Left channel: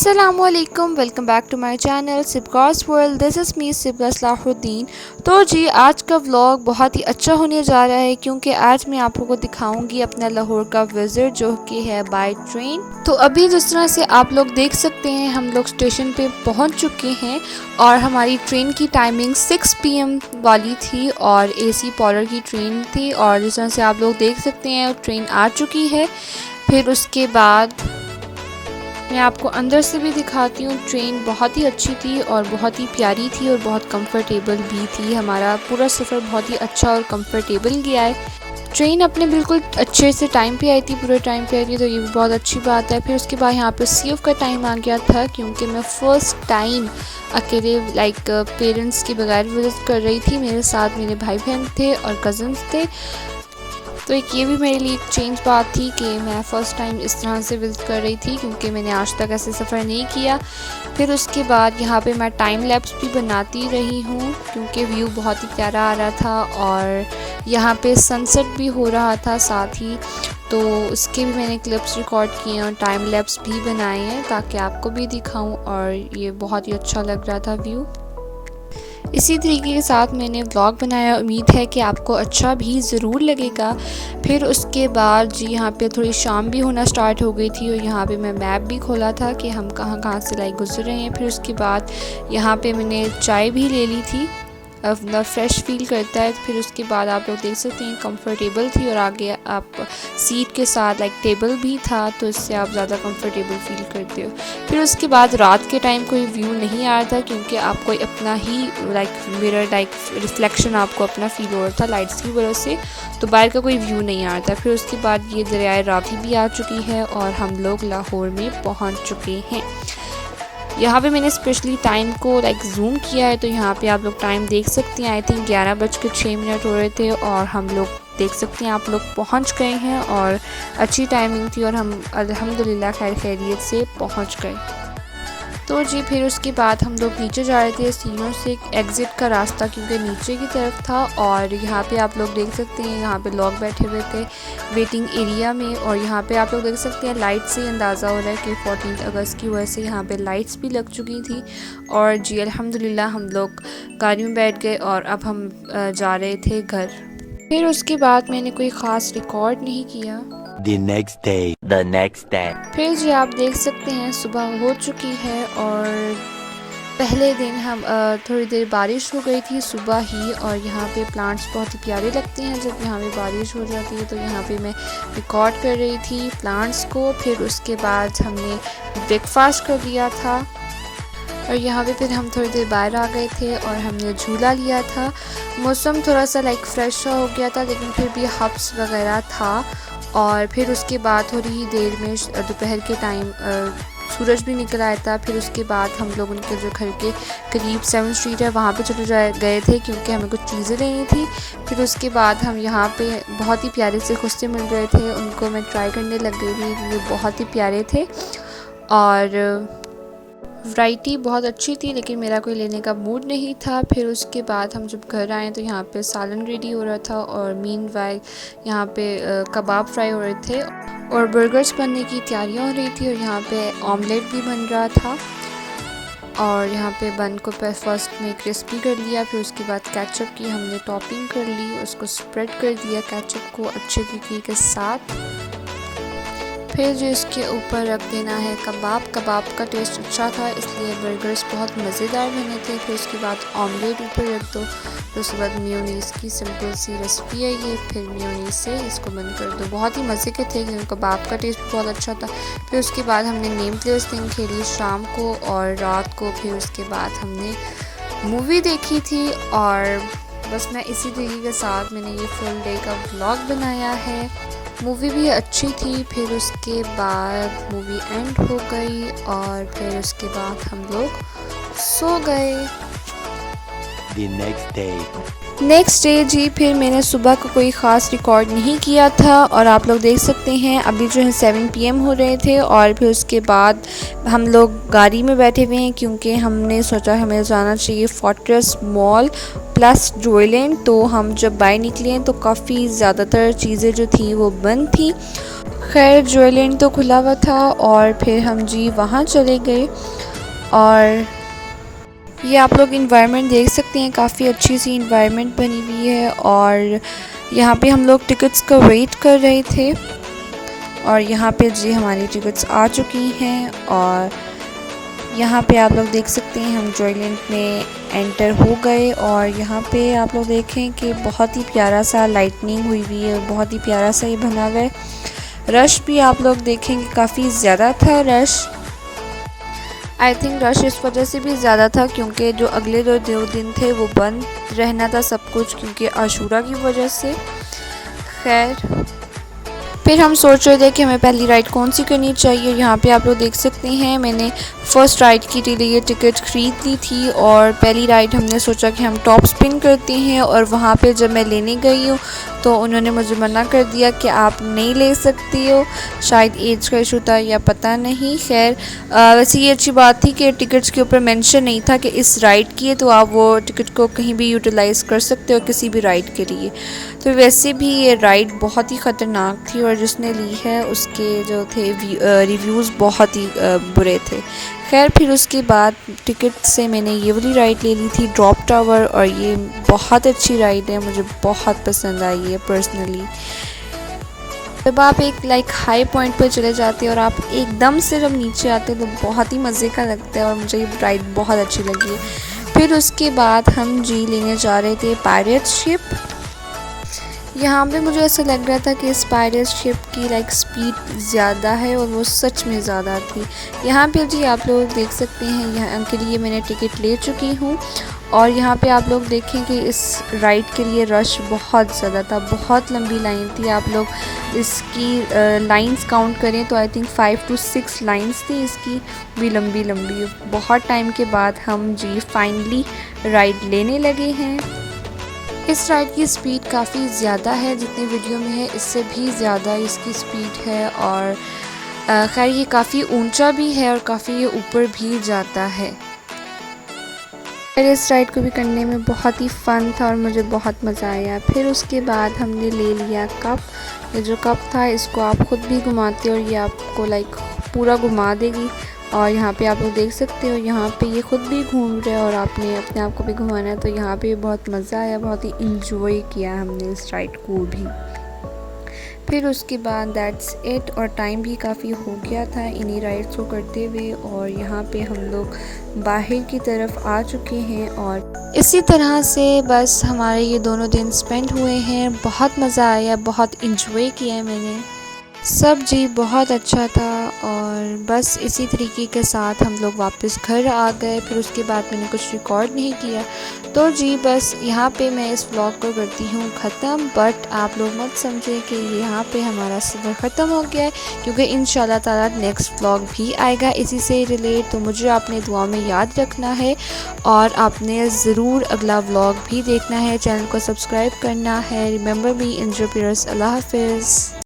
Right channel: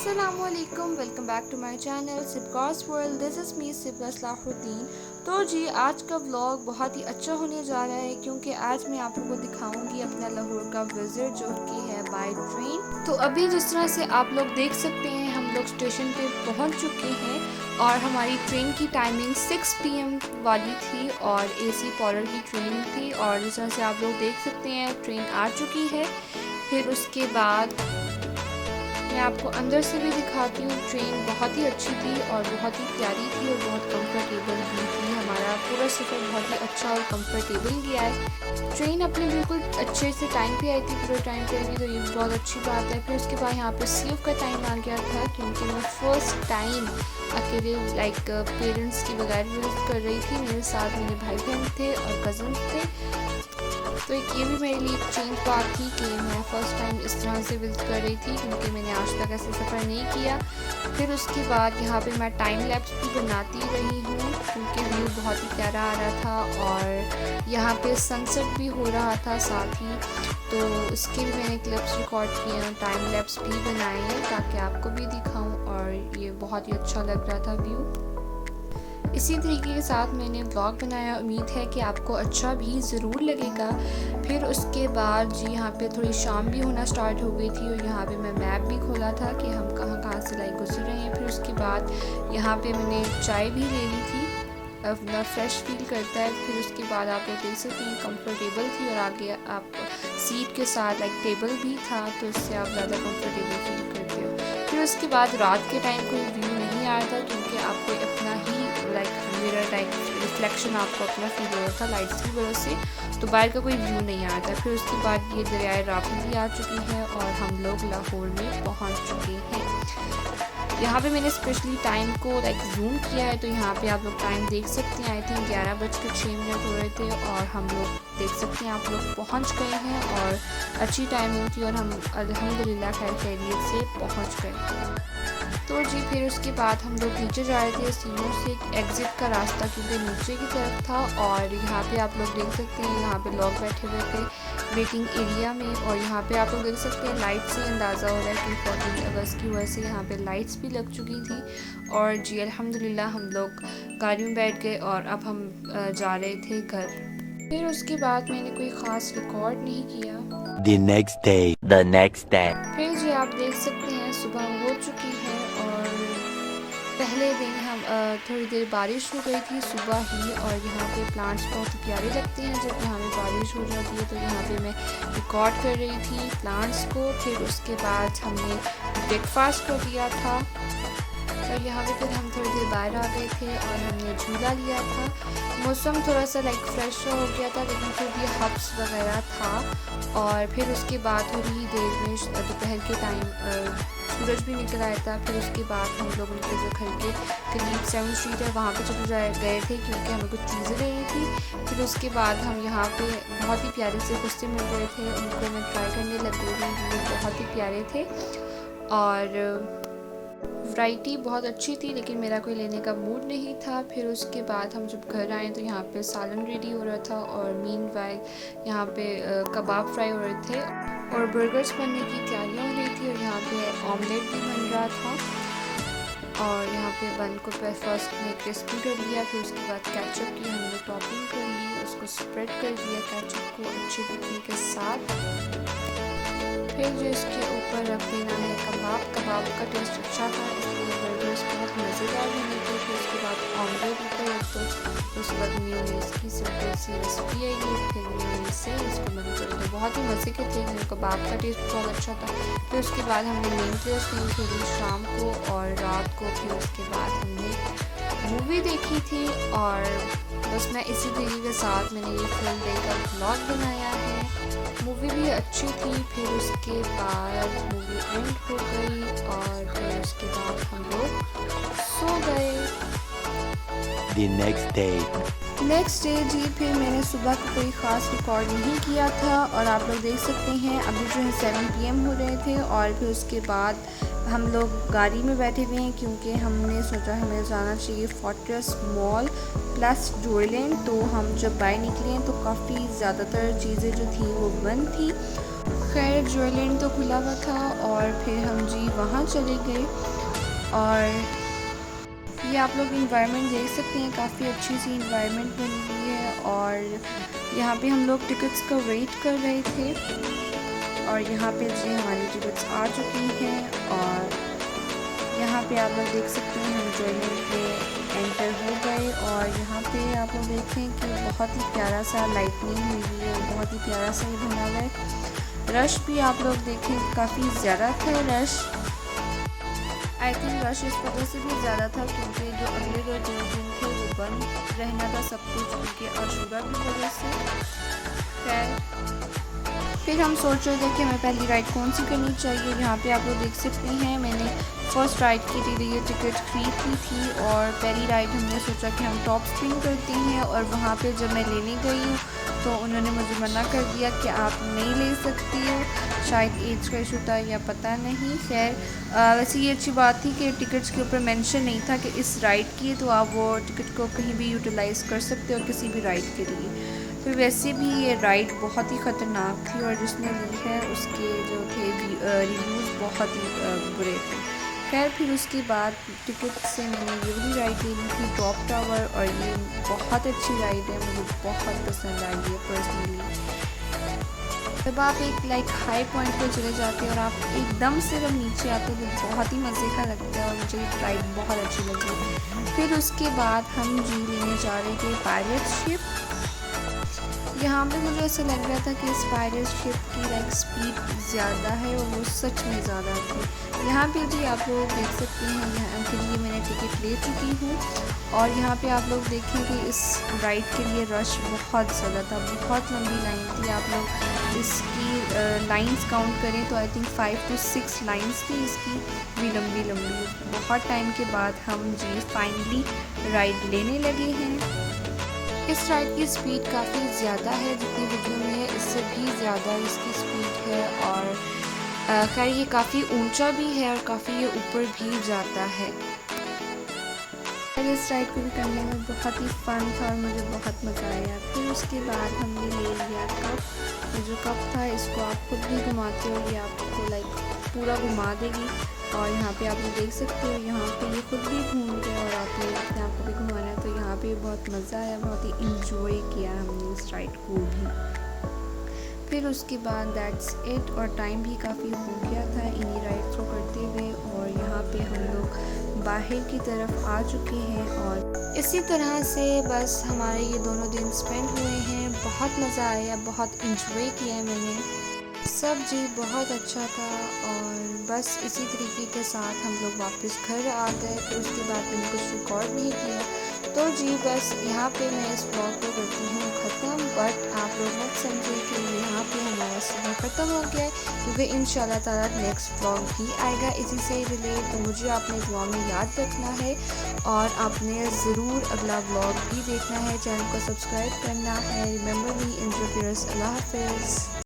अस्सलामुअलैकुम, welcome back to my channel Sibka's world. This is me Sibka Salahuddin. तो जी आज का व्लॉग बहुत ही अच्छा होने जा रहा है क्योंकि आज मैं आप लोगों को दिखाऊंगी अपना लाहौर का विज़िट जो कि है बाय ट्रेन। तो अभी जिस तरह से आप लोग देख सकते हैं हम लोग स्टेशन पे पहुंच चुके हैं और हमारी ट्रेन की टाइमिंग 6 PM वाली थी और AC पॉलर की ट्रेन थी और जिस तरह से आप लोग देख सकते हैं ट्रेन आ चुकी है। फिर उसके बाद मैं आपको अंदर से भी दिखाती हूँ। ट्रेन बहुत ही अच्छी थी और बहुत ही प्यारी थी और बहुत कंफर्टेबल भी थी। हमारा पूरा सफ़र बहुत ही अच्छा और कंफर्टेबल गया है। ट्रेन अपने बिल्कुल अच्छे से टाइम पे आई थी, पूरे टाइम पे आई थी, तो ये भी बहुत अच्छी बात है। फिर उसके बाद यहाँ पे CF का टाइम आ गया था क्योंकि मैं फ़र्स्ट टाइम अकेले पेरेंट्स के बगैर विज़िट कर रही थी। मेरे साथ मेरे भाई बहन थे और कज़न्स थे, तो एक ये भी मेरे लिए एक चेंज बात थी कि मैं फ़र्स्ट टाइम इस तरह से विज़िट कर रही थी क्योंकि मैंने आज तक ऐसे सफ़र नहीं किया। फिर उसके बाद यहाँ पे मैं टाइम लैप्स भी बनाती रही हूँ क्योंकि व्यू बहुत ही प्यारा आ रहा था और यहाँ पे सनसेट भी हो रहा था साथ ही, तो उसके भी मैंने क्लिप्स रिकॉर्ड किए और टाइम लैप्स भी बनाए हैं ताकि आपको भी दिखाऊँ और ये बहुत ही अच्छा लग रहा था व्यू। इसी तरीके के साथ मैंने ब्लॉग बनाया, उम्मीद है कि आपको अच्छा भी ज़रूर लगेगा। फिर उसके बाद जी यहाँ पे थोड़ी शाम भी होना स्टार्ट हो गई थी और यहाँ पे मैं मैप भी खोला था कि हम कहाँ कहाँ से गुजर रहे हैं। फिर उसके बाद यहाँ पे मैंने चाय भी ले ली थी, अपना फ्रेश फील करता है। फिर उसके बाद आप लोग देख सकते हैं कंफर्टेबल थी और आगे आप सीट के साथ टेबल भी था, तो इससे आप ज़्यादा कंफर्टेबल फील करते हो। फिर उसके बाद रात के टाइम कोई व्यू नहीं आ रहा था क्योंकि आपको अपना ही मिरर रिफ्लेक्शन आपको अपना फील हो रहा था लाइट्स की वजह से, तो बाहर का कोई व्यू नहीं आ रहा था। फिर उसके बाद ये दरियाए रावी भी आ चुकी है और हम लोग लाहौर में पहुँच चुके हैं। यहाँ पे मैंने स्पेशली टाइम को जूम किया है, तो यहाँ पे आप लोग टाइम देख सकते हैं। आई थिंक 11:06 हो रहे थे और हम लोग देख सकते हैं आप लोग पहुँच गए हैं और अच्छी टाइमिंग थी और हम अल्हम्दुलिल्लाह खैर खैरियत से पहुँच गए। तो जी फिर उसके बाद हम लोग नीचे जा रहे थे सीढ़ियों से, एग्ज़िट का रास्ता क्योंकि नीचे की तरफ था और यहाँ पे आप लोग देख सकते हैं यहाँ पे लोग बैठे हुए थे वेटिंग एरिया में और यहाँ पे आप लोग देख सकते हैं लाइट से अंदाज़ा हो रहा है कि 14 अगस्त की वजह से यहाँ पे लाइट्स भी लग चुकी थी। और जी अल्हम्दुलिल्लाह हम लोग गाड़ी में बैठ गए और अब हम जा रहे थे घर। फिर उसके बाद मैंने कोई ख़ास रिकॉर्ड नहीं किया। The next day. फिर जी आप देख सकते हैं सुबह हो चुकी है और पहले दिन हम थोड़ी देर बारिश हो गई थी सुबह ही और यहाँ पे प्लांट्स बहुत ही प्यारे लगते हैं जब यहाँ पे बारिश हो जाती है, तो यहाँ पे मैं रिकॉर्ड कर रही थी प्लांट्स को। फिर उसके बाद हमने ब्रेकफास्ट कर लिया था और यहाँ पे फिर हम थोड़ी देर बाहर आ गए थे और हमने झूला लिया था। मौसम थोड़ा सा फ्रेश हो गया था लेकिन फिर भी हब्स वगैरह था। और फिर उसके बाद थोड़ी ही देर में दोपहर के टाइम सूरज भी निकल आया था। फिर उसके बाद हम लोग उनके जो घर के करीब 7 स्ट्रीट है वहाँ पे चले गए थे क्योंकि हमें कुछ चीज़ें लेनी थी। फिर उसके बाद हम यहाँ पे बहुत ही प्यारे से खुश्ते मिल रहे थे, उनको मैं ट्राई करने लग गई थी, वो बहुत ही प्यारे थे और वैरायटी बहुत अच्छी थी लेकिन मेरा कोई लेने का मूड नहीं था। फिर उसके बाद हम जब घर आए तो यहाँ पे सालन रेडी हो रहा था और मीनवाइल यहाँ पे कबाब फ्राई हो रहे थे और बर्गर्स बनने की तैयारियाँ हो रही थी और यहाँ पे ऑमलेट भी बन रहा था और यहाँ पे बन को फर्स्ट में क्रिस्पी कर लिया। फिर उसके बाद केचप की हमने टॉपिंग कर ली, उसको स्प्रेड कर दिया केचप को अच्छे तरीके के साथ। फिर जो इसके ऊपर रख देना है कबाब का टेस्ट अच्छा था इसलिए बर्गर्स बहुत मज़ेदार बने थे। फिर उसके बाद ऑमलेट ऊपर रख दो, फिर उसके बाद मेयोनीज़ की सिंपल सी रेसिपी है ये, फिर मेयोनीज़ से इसको बंद कर दो। बहुत ही मज़े के थे, कबाब का टेस्ट बहुत अच्छा था। फिर उसके बाद हमने नेम प्ले उस दिन खेली शाम को और रात को। फिर उसके बाद हमने मूवी देखी थी और बस मैं इसी तरीके के साथ मैंने ये फुल डे का व्लॉग बनाया है। मूवी भी अच्छी थी। फिर उसके बाद मूवी एंड हो गई और फिर उसके बाद हम लोग सो गए। The नेक्स्ट डे जी फिर मैंने सुबह को कोई ख़ास रिकॉर्ड नहीं किया था और आप लोग देख सकते हैं अभी जो है 7 PM हो रहे थे और फिर उसके बाद हम लोग गाड़ी में बैठे हुए हैं क्योंकि हमने सोचा हमें जाना चाहिए फोर्ट्रेस मॉल प्लस जोयलैंड। तो हम जब बाहर निकले हैं तो काफ़ी ज़्यादातर चीज़ें जो थी वो बंद थी खैर ज्वेलैंड तो खुला हुआ था और फिर हम जी वहाँ चले गए। और ये आप लोग इन्वायरमेंट देख सकते हैं, काफ़ी अच्छी सी इन्वायरमेंट बनी हुई है। और यहाँ पे हम लोग टिकट्स का वेट कर रहे थे और यहाँ पे जी हमारी टिकट्स आ चुकी हैं। और यहाँ पे आप लोग देख सकते हैं हम ज्वेलैंड में एंटर हो गए। और यहाँ पे आप लोग देखें कि बहुत ही प्यारा सा लाइटनिंग हुई हुई है, बहुत ही प्यारा सा ये बना हुआ है। रश भी आप लोग देखेंगे काफ़ी ज़्यादा था रश। आई थिंक रश इस वजह से भी ज़्यादा था क्योंकि जो अगले दो दिन थे वो बंद रहना था सब कुछ, क्योंकि आशूरा की वजह से। खैर फिर हम सोच रहे थे कि हमें पहली राइड कौन सी करनी चाहिए। यहाँ पे आप लोग देख सकते हैं मैंने फ़र्स्ट राइड के लिए टिकट ख़रीद ली थी। और पहली राइड हमने सोचा कि हम टॉप स्पिन करते हैं। और वहाँ पे जब मैं लेने गई हूँ तो उन्होंने मुझे मना कर दिया कि आप नहीं ले सकती हो, शायद एज का इशू था या पता नहीं। खैर वैसे ये अच्छी बात थी कि टिकट्स के ऊपर मेंशन नहीं था कि इस राइड की है, तो आप वो टिकट को कहीं भी यूटिलाइज़ कर सकते हो किसी भी राइड के लिए। तो वैसे भी ये राइड बहुत ही ख़तरनाक थी और जिसने ली है उसके जो थे रिव्यूज़ बहुत ही बुरे थे। खैर फिर उसके बाद टिकट से मैंने ये वाली राइड ले ली थी ड्रॉप टावर। और ये बहुत अच्छी राइड है, मुझे बहुत पसंद आई है पर्सनली। जब आप एक हाई पॉइंट पे चले जाते हैं और आप एकदम से जब नीचे आते हैं तो बहुत ही मज़े का लगता है और मुझे ये राइड बहुत अच्छी लगी। फिर उसके बाद हम जी लेने जा रहे थे पायरेट शिप। यहाँ पे मुझे ऐसा लग रहा था कि इस पायरेट शिप की स्पीड ज़्यादा है और वो सच में ज़्यादा थी। यहाँ पे जी आप लोग देख सकते हैं, यहाँ के लिए मैंने टिकट ले चुकी हूँ। और यहाँ पे आप लोग देखें कि इस राइड के लिए रश बहुत ज़्यादा था, बहुत लंबी लाइन थी। आप लोग इसकी लाइंस काउंट करें तो आई थिंक 5 to 6 लाइंस थी इसकी, भी लंबी लंबी। बहुत टाइम के बाद हम जी फाइनली राइड लेने लगे हैं। इस राइड की स्पीड काफ़ी ज़्यादा है, जितनी वीडियो में है इससे भी ज़्यादा इसकी स्पीड है। और खैर ये काफ़ी ऊंचा भी है और काफ़ी ये ऊपर भी जाता है। फिर इस राइड को भी करने में बहुत ही फ़न था और मुझे बहुत मज़ा आया। फिर उसके बाद हमने ले लिया कप। ये जो कप था इसको आप ख़ुद भी घुमाते हो और ये आपको पूरा घुमा देगी। और यहाँ पे आप लोग देख सकते हो, यहाँ पे ये ख़ुद भी घूम रहा है और आपने अपने आप को भी घुमाना है। तो यहाँ पे बहुत मज़ा आया, बहुत ही इंजॉय किया हमने इस राइड को भी। फिर उसके बाद दैट्स इट। और टाइम भी काफ़ी हो गया था इन्हीं राइड्स को करते हुए। और यहाँ पे हम लोग बाहर की तरफ आ चुके हैं। और इसी तरह से बस हमारे ये दोनों दिन स्पेंड हुए हैं। बहुत मज़ा आया, बहुत इंजॉय किया है मैंने। सब जी बहुत अच्छा था। और बस इसी तरीके के साथ हम लोग वापस घर आ गए। फिर उसके बाद मैंने कुछ रिकॉर्ड नहीं किया, तो जी बस यहाँ पे मैं इस व्लॉग को करती हूँ ख़त्म। बट आप लोग मत समझें कि यहाँ पे हमारा सफ़र ख़त्म हो गया है, क्योंकि इंशाल्लाह ताला नेक्स्ट व्लॉग भी आएगा इसी से रिलेट। तो मुझे आपने दुआ में याद रखना है और आपने ज़रूर अगला व्लॉग भी देखना है। चैनल को सब्सक्राइब करना है। रिमेंबर मी, इंजॉय योर, अल्लाह हाफ़िज़।